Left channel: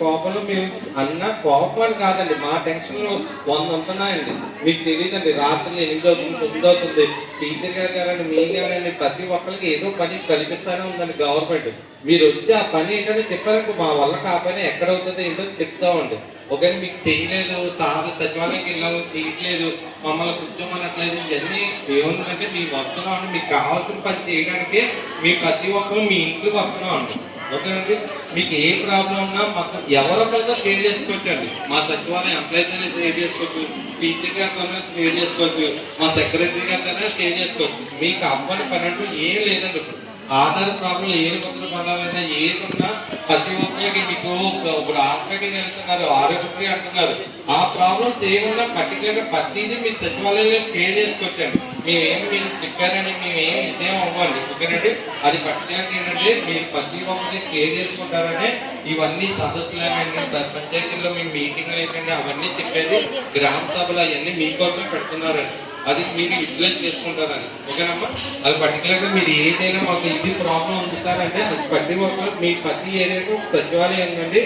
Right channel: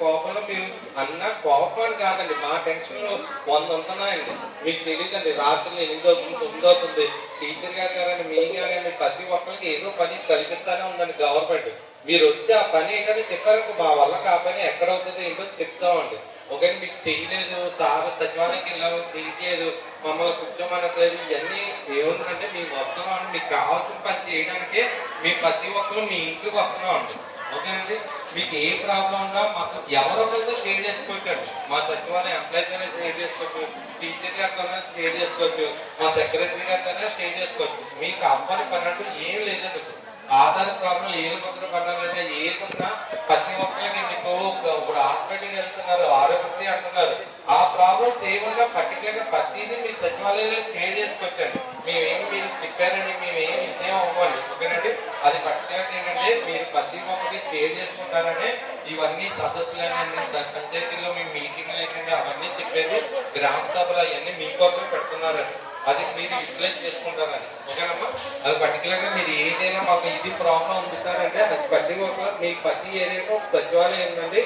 కోపంలో మేము అన్న కోపాలు కాదండి, మా టెన్షన్లు 100 ఉంటున్నాయండి. మీకు తెలియదండి, రాత్రి 8 అవుతుంది 9 అవుతుంది. టీచర్ గారు గారండి, మీ గారండి, ప్రతి ఒక్కరికి ఏదో పని కల్పిస్తానే ఉందండి గవర్నమెంట్. మీరు వచ్చి ఆ పని ఏంటంటే చెప్పారు, మా వల్ల ఆ పని ఎక్కడ అవుతుంది ఏంటో చెప్తామండి. ఒకవేళ మీకు చేయలేదు, సచివాలయానికి వెళ్ళాము చేయట్లేదు, మమ్మల్ని కూర్చోమనట్లేదు, ఇవన్నీ ఏముందంటే మేము వస్తున్నాం అండి. మీకు కావాల్సిన పని చేయడానికే మేము ప్రతి ఒక్కరు మీ ఇంటికి వస్తున్నాం అండి. ఓకేనండి, మీకు ఏ ప్రాబ్లం ఉన్నా మాకు ఎవరొకరితో షేర్ చేసుకోవచ్చండి. మా సచివాలయం ఎంప్లాయీస్ అనేది షేర్ చేసుకోవచ్చు, టీచర్ గారితో షేర్ చేసుకోవచ్చు, మా సెక్రటరీ గారితో షేర్ చేసుకోవచ్చు. మీకు అవ్వని పని అంటూ ఏం లేదండి. ఆధార్ ప్రాబ్లం ఏ మొదలు పడాలంటే ఏదున్నా ప్రతి ఒక్కరికి మీకు ఇప్పుడు హాస్పిటల్కి వెళ్తున్నారు, ఆరోగ్యశ్రీ అంటున్నారు, ఆ ప్రాబ్లమ్స్ ఏమన్నా పర్టికులర్గా ప్రతిదీ మీరు సచివాలయంలో షేర్ చేసుకోవచ్చండి. మేమేమి మీరు చెప్పారని మేమేం విజయం అవ్వండి. ఓకేనండి, అది పర్టికులర్గా ఏంటంటే మీరు ప్రతి ఒక్కరి షేర్ చేసుకుంటారని ఇవన్నీ సదస్సులు పంచాయతీల్లో మీ మీటింగ్లు ఏంటంటే అవన్నీ చెప్పేది గ్రామ సభలు అవన్నీ మీకోసం పెడుతున్నారండి. అది మీరు యూటిలైజ్ చేసుకుంటారని. ఓకేనమ్మా, అది పర్టికులర్గా మీరు ఏదైనా మాకు ఇది ప్రాబ్లం ఉంది సార్ అంటే అది ప్రతి ఒక్కరు మీ ప్రతి ఏరియాలో సచివాలయం ఉందండి.